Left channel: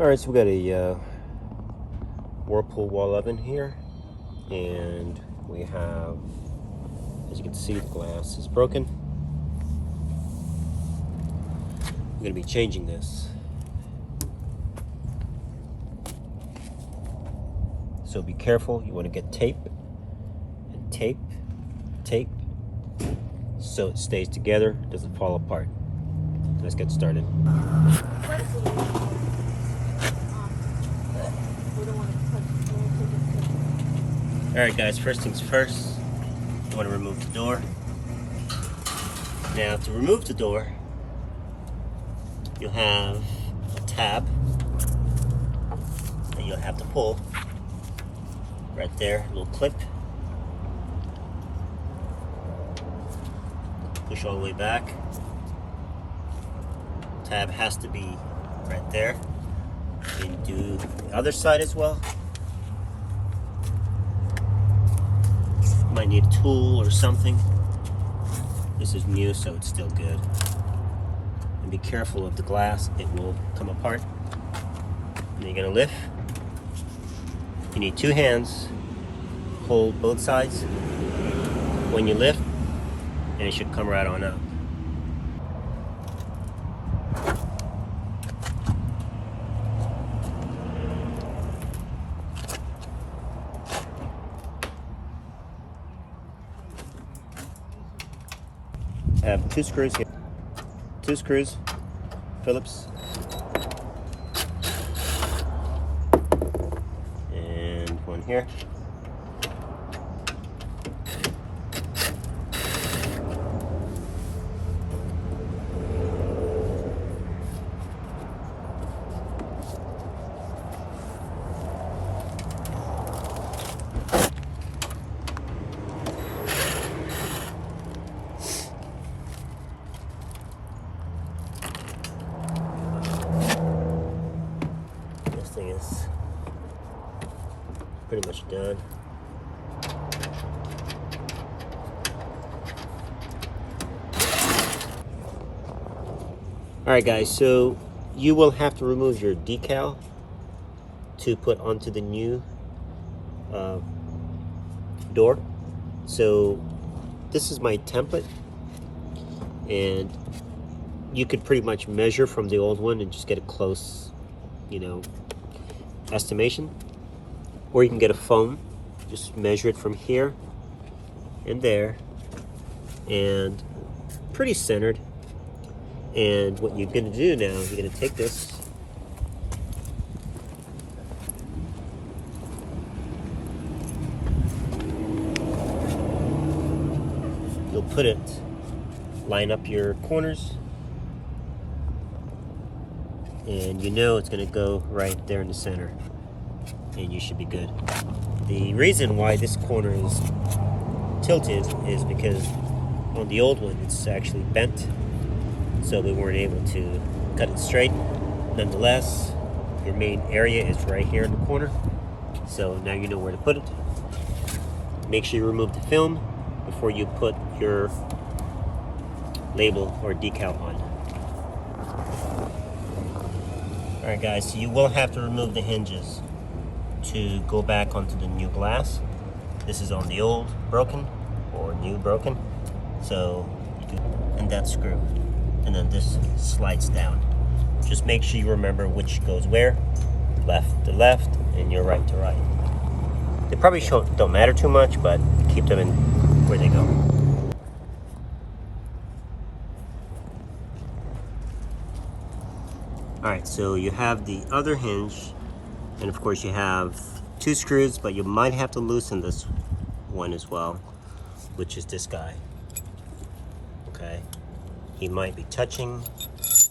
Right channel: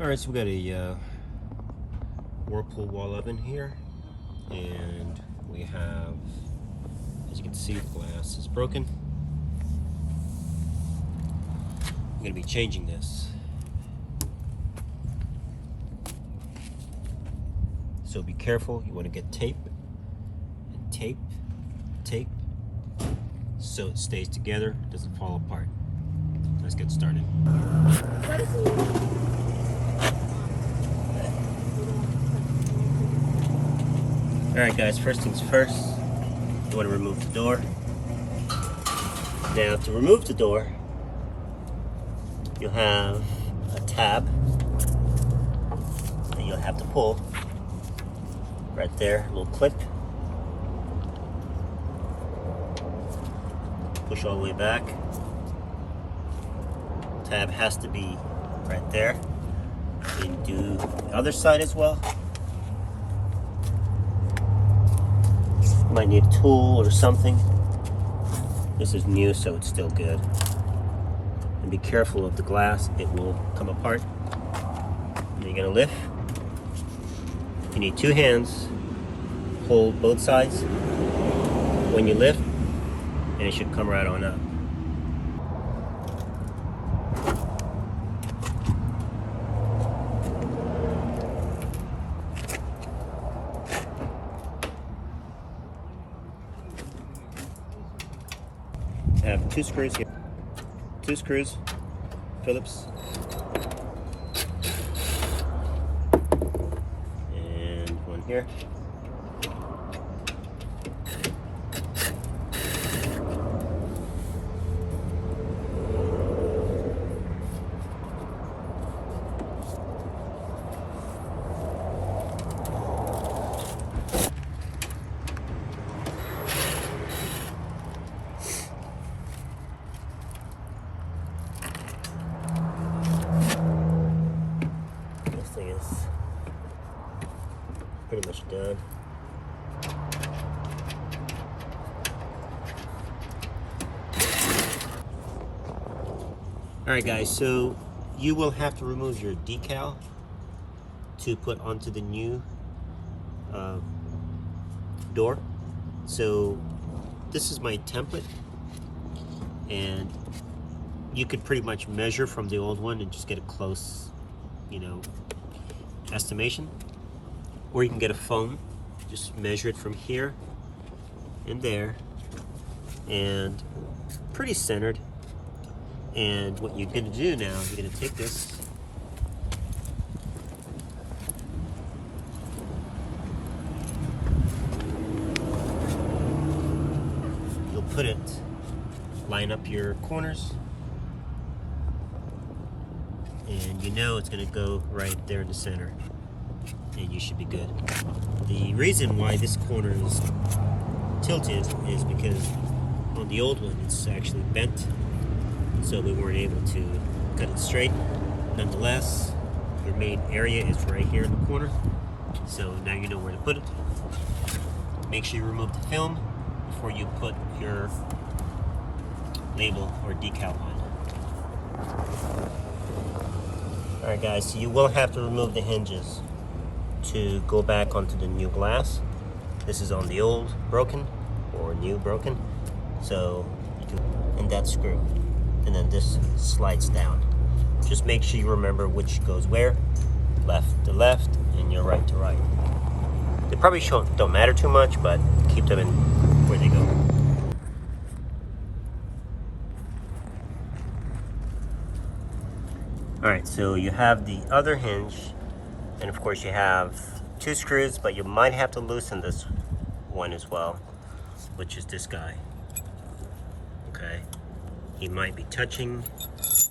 Alright, so we got a Whirlpool wall oven here, and we have, as you can see, the glass is broken. I'm going to be changing this. So be careful, you want to get tape, and tape, so it stays together, doesn't fall apart. Let's get started. Alright guys, first things first, you want to remove the door. Now to remove the door, you'll have a tab that you'll have to pull right there, a little clip. Push all the way back. Tab has to be right there. You can do the other side as well. Might need a tool or something. This is new, so it's still good. And be careful of the glass, it will come apart. And you're gonna lift. You need two hands. Hold both sides when you lift, and it should come right on up. I have two screws here. Two screws, Phillips. And one here. Thing is pretty much done. Alright guys, so you will have to remove your decal to put onto the new door. So this is my template, and you could pretty much measure from the old one and just get a close, estimation, or you can get a foam, just measure it from here and there, and pretty centered. And what you're going to do now, you're going to take this, you'll put it, line up your corners, and it's going to go right there in the center, and you should be good. The reason why this corner is tilted is because on the old one it's actually bent, so we weren't able to cut it straight. Nonetheless, your main area is right here in the corner, so now you know where to put it. Make sure you remove the film before you put your label or decal on. Alright guys, so you will have to remove the hinges to go back onto the new glass. This is on the old broken or new broken. So, and that screw. And then this slides down. Just make sure you remember which goes where. Left to left and your right to right. They probably don't matter too much, but keep them in where they go. Alright, so you have the other hinge, and of course you have two screws, but you might have to loosen this one as well, which is this guy. Okay, he might be touching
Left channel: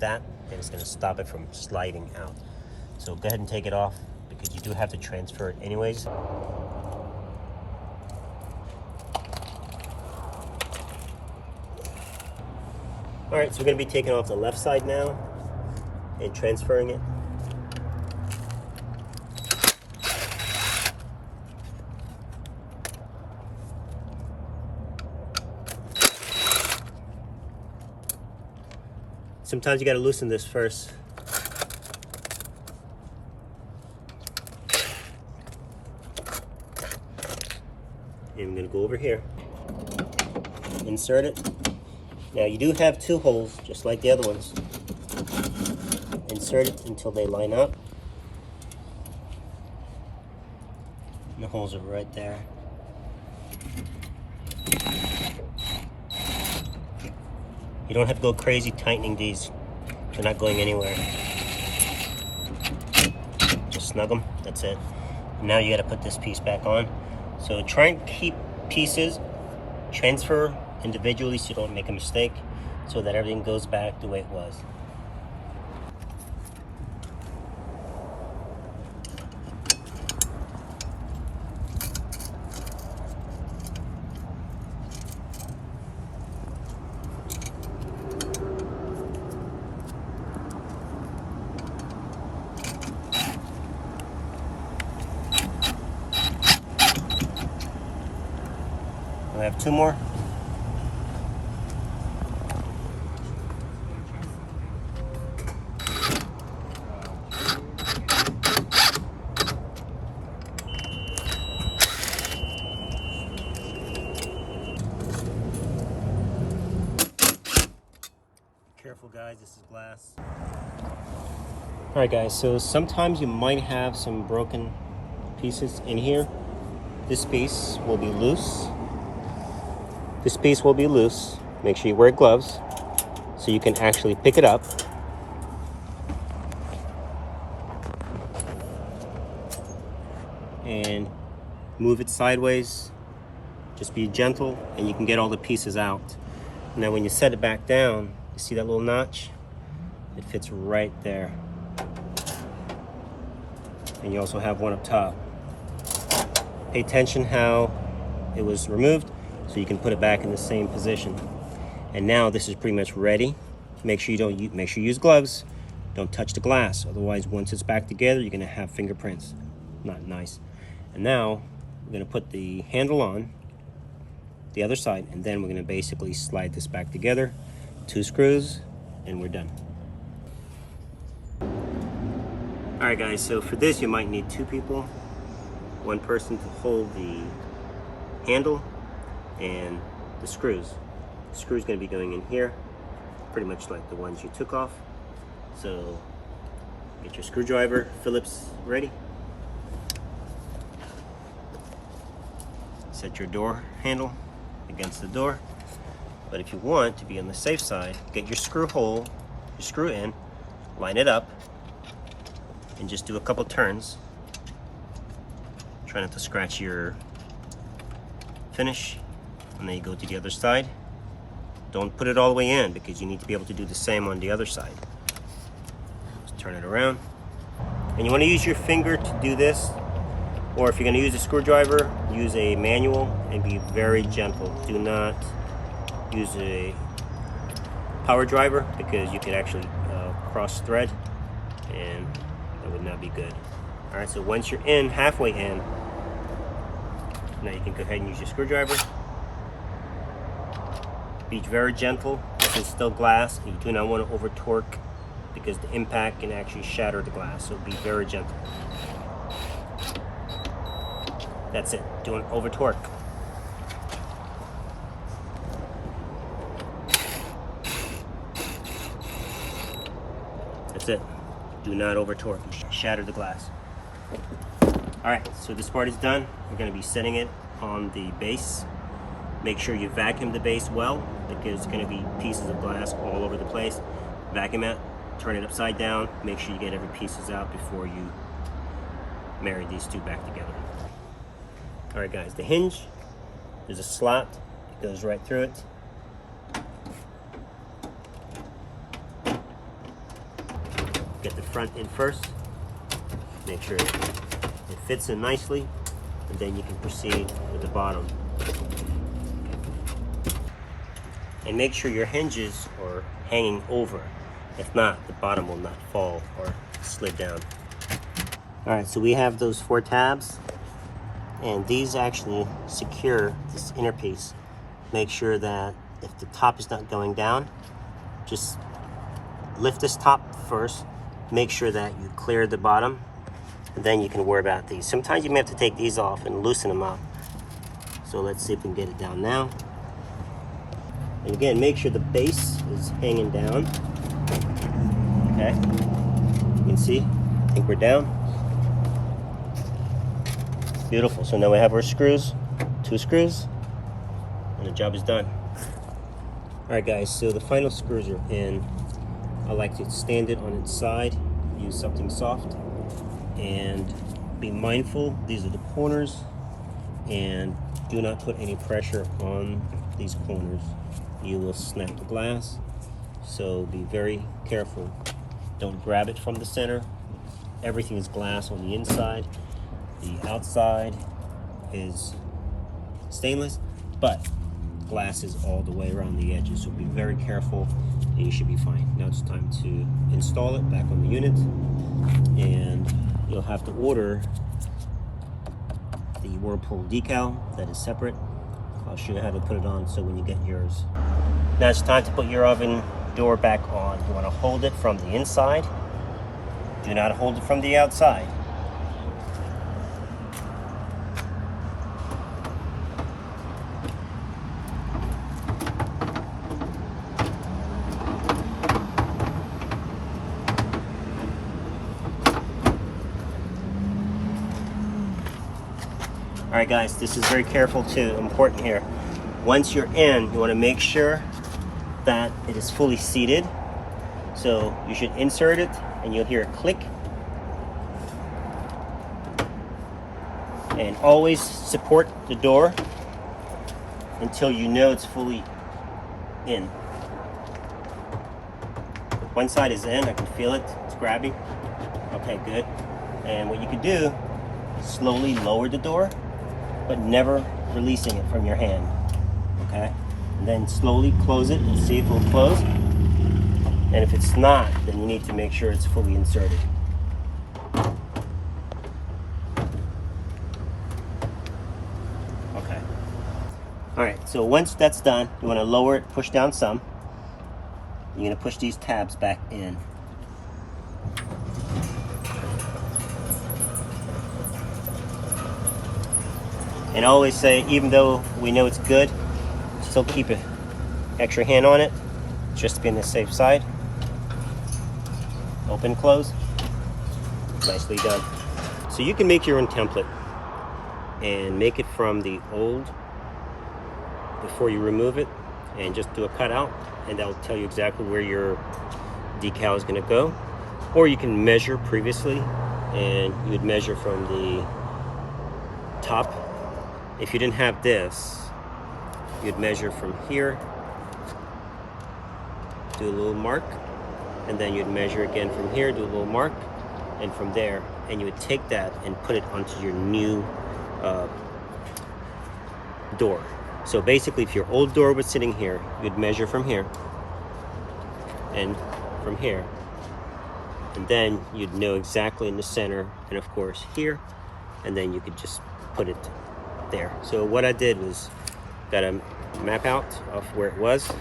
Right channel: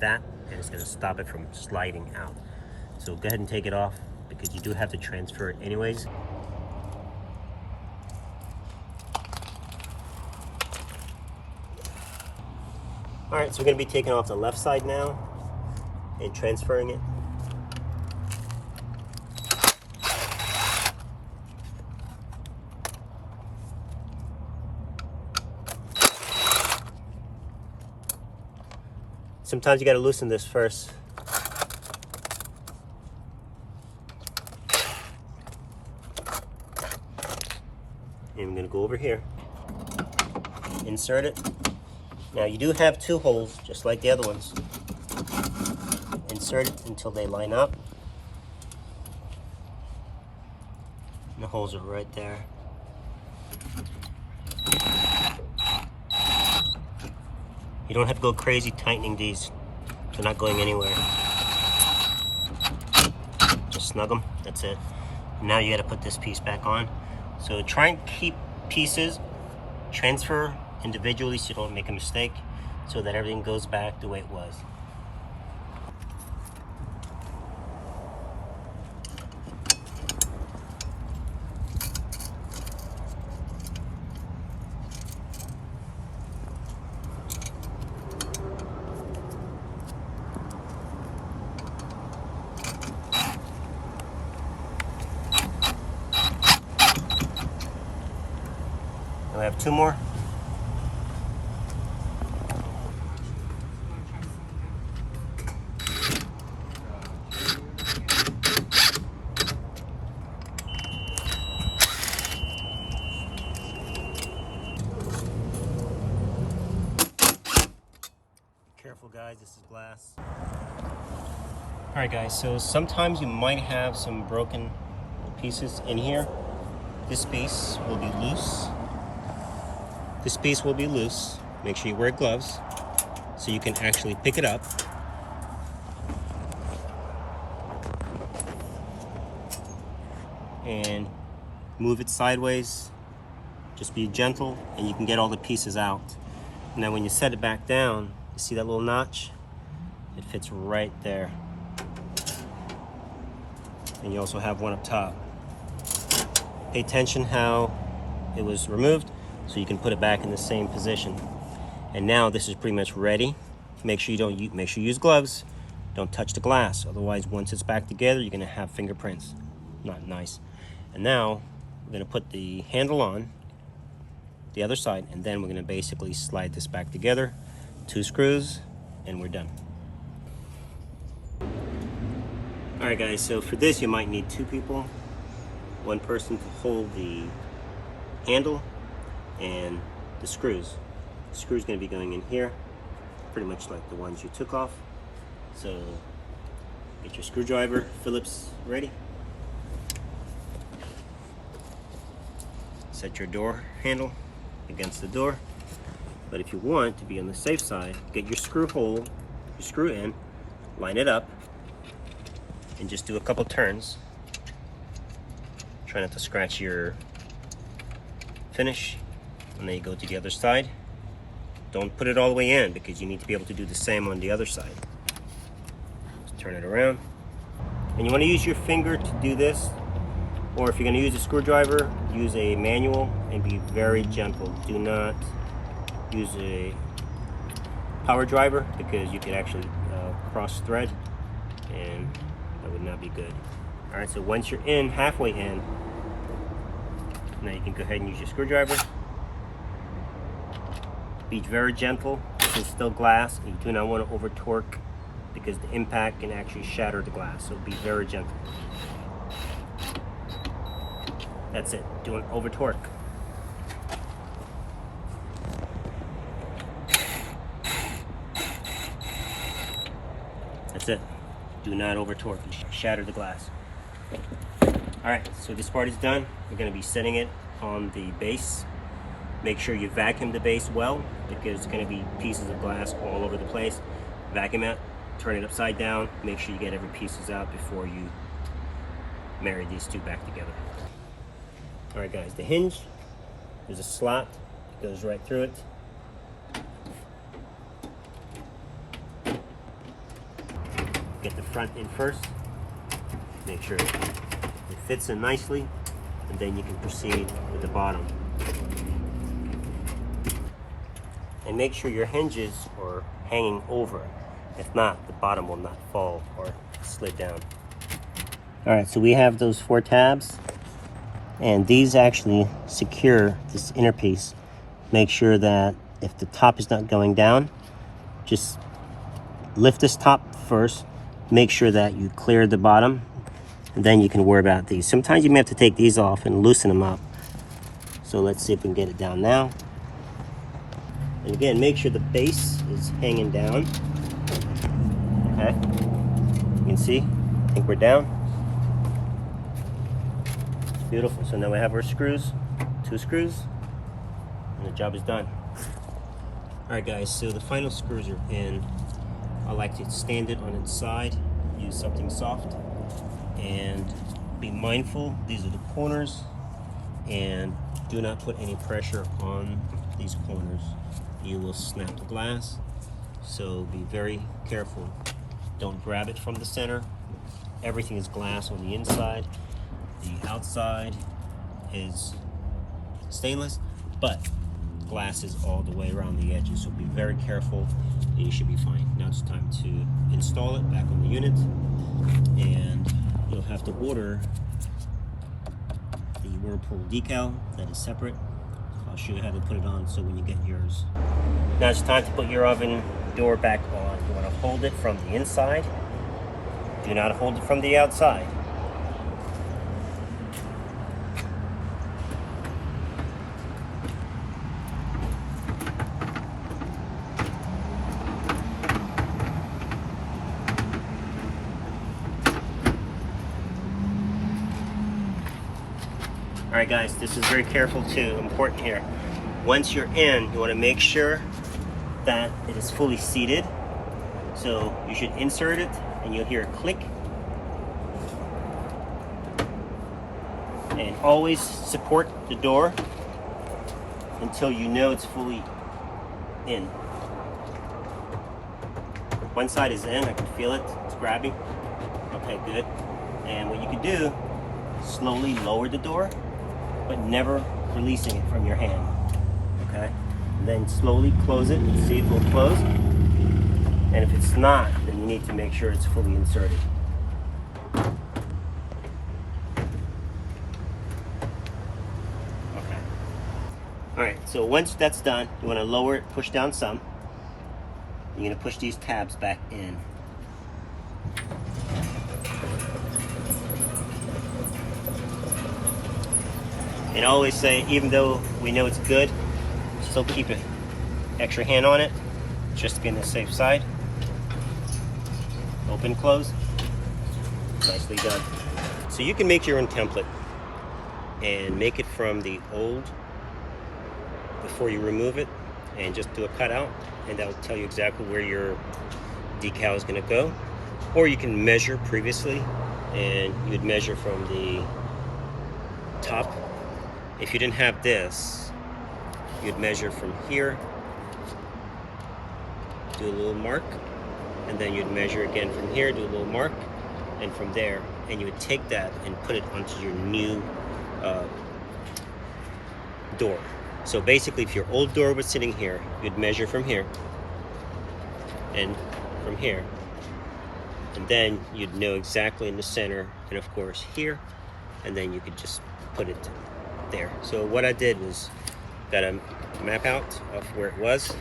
that, and it's going to stop it from sliding out. So go ahead and take it off, because you do have to transfer it anyways. Alright, so we're going to be taking off the left side now and transferring it. Sometimes you got to loosen this first. go over here, insert it. Now you do have 2 holes, just like the other ones. Insert it until they line up. And the holes are right there. You don't have to go crazy tightening these. They're not going anywhere. Just snug them, that's it. Now you gotta put this piece back on. So try and keep pieces, transfer individually so you don't make a mistake, so that everything goes back the way it was. I have 2 more. Careful guys, this is glass. Alright guys, so sometimes you might have some broken pieces in here. This piece will be loose. This piece will be loose. Make sure you wear gloves so you can actually pick it up. And move it sideways. Just be gentle and you can get all the pieces out. Now when you set it back down, you see that little notch? It fits right there. And you also have one up top. Pay attention how it was removed, so you can put it back in the same position. And now this is pretty much ready. Make sure you use gloves. Don't touch the glass, otherwise once it's back together you're gonna have fingerprints. Not nice. And now we're gonna put the handle on the other side, and then we're gonna basically slide this back together. 2 screws and we're done. All right guys, so for this you might need 2 people. 1 person to hold the handle and the screws. The screw's going to be going in here, pretty much like the ones you took off. So get your screwdriver, Phillips ready. Set your door handle against the door. But if you want to be on the safe side, get your screw hole, your screw in, line it up, and just do a couple turns. Try not to scratch your finish. And then you go to the other side. Don't put it all the way in because you need to be able to do the same on the other side. Just turn it around. And you want to use your finger to do this, or if you're going to use a screwdriver, use a manual and be very gentle. Do not use a power driver because you could actually cross thread and that would not be good. Alright, so once you're in, halfway in, now you can go ahead and use your screwdriver. Be very gentle. This is still glass. You do not want to over torque because the impact can actually shatter the glass. So be very gentle. That's it. Don't over torque. That's it. Do not over torque. Shatter the glass. Alright, so this part is done. We're going to be setting it on the base. Make sure you vacuum the base well because there's going to be pieces of glass all over the place. Vacuum it, turn it upside down, make sure you get every pieces out before you marry these 2 back together. Alright guys, the hinge, there's a slot, it goes right through it. Get the front in first, make sure it fits in nicely, and then you can proceed with the bottom. And make sure your hinges are hanging over. If not, the bottom will not fall or slid down. Alright, so we have those 4 tabs, and these actually secure this inner piece. Make sure that if the top is not going down, just lift this top first, make sure that you clear the bottom, and then you can worry about these. Sometimes you may have to take these off and loosen them up. So let's see if we can get it down now. And again, make sure the base is hanging down. Okay, you can see, I think we're down. Beautiful. So now we have our screws, 2 screws, and the job is done. All right, guys, so the final screws are in. I like to stand it on its side, use something soft, and be mindful, these are the corners, and do not put any pressure on these corners. You will snap the glass, so be very careful. Don't grab it from the center. Everything is glass on the inside. The outside is stainless, but glass is all the way around the edges, so be very careful and you should be fine. Now it's time to install it back on the unit, and you'll have to order the Whirlpool decal that is separate. I'll show you how to put it on so when you get yours. Now it's time to put your oven door back on. You want to hold it from the inside. Do not hold it from the outside. Alright guys, this is very careful too, important here. Once you're in, you want to make sure that it is fully seated. So you should insert it and you'll hear a click. And always support the door until you know it's fully in. One side is in, I can feel it, it's grabbing. Okay, good. And what you can do, slowly lower the door, but never releasing it from your hand. Okay? And then slowly close it and see if it will close. And if it's not, then you need to make sure it's fully inserted. Okay. Alright, so once that's done, you want to lower it, push down some. You're going to push these tabs back in. And I always say, even though we know it's good, still keep an extra hand on it, just to be on the safe side. Open, close. Nicely done. So you can make your own template and make it from the old before you remove it, and just do a cutout, and that'll tell you exactly where your decal is going to go. Or you can measure previously, and you would measure from the top. If you didn't have this, you'd measure from here, do a little mark, and then you'd measure again from here, do a little mark, and from there, and you would take that and put it onto your new door. So basically, if your old door was sitting here, you'd measure from here and from here, and then you'd know exactly in the center, and of course here, and then you could just put it there. So what I did was got a map out of where it was.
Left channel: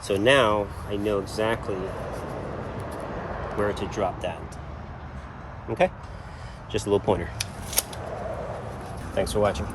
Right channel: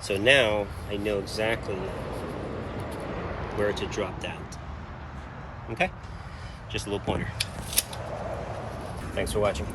So now I know exactly where to drop that. Okay? Just a little pointer. Thanks for watching.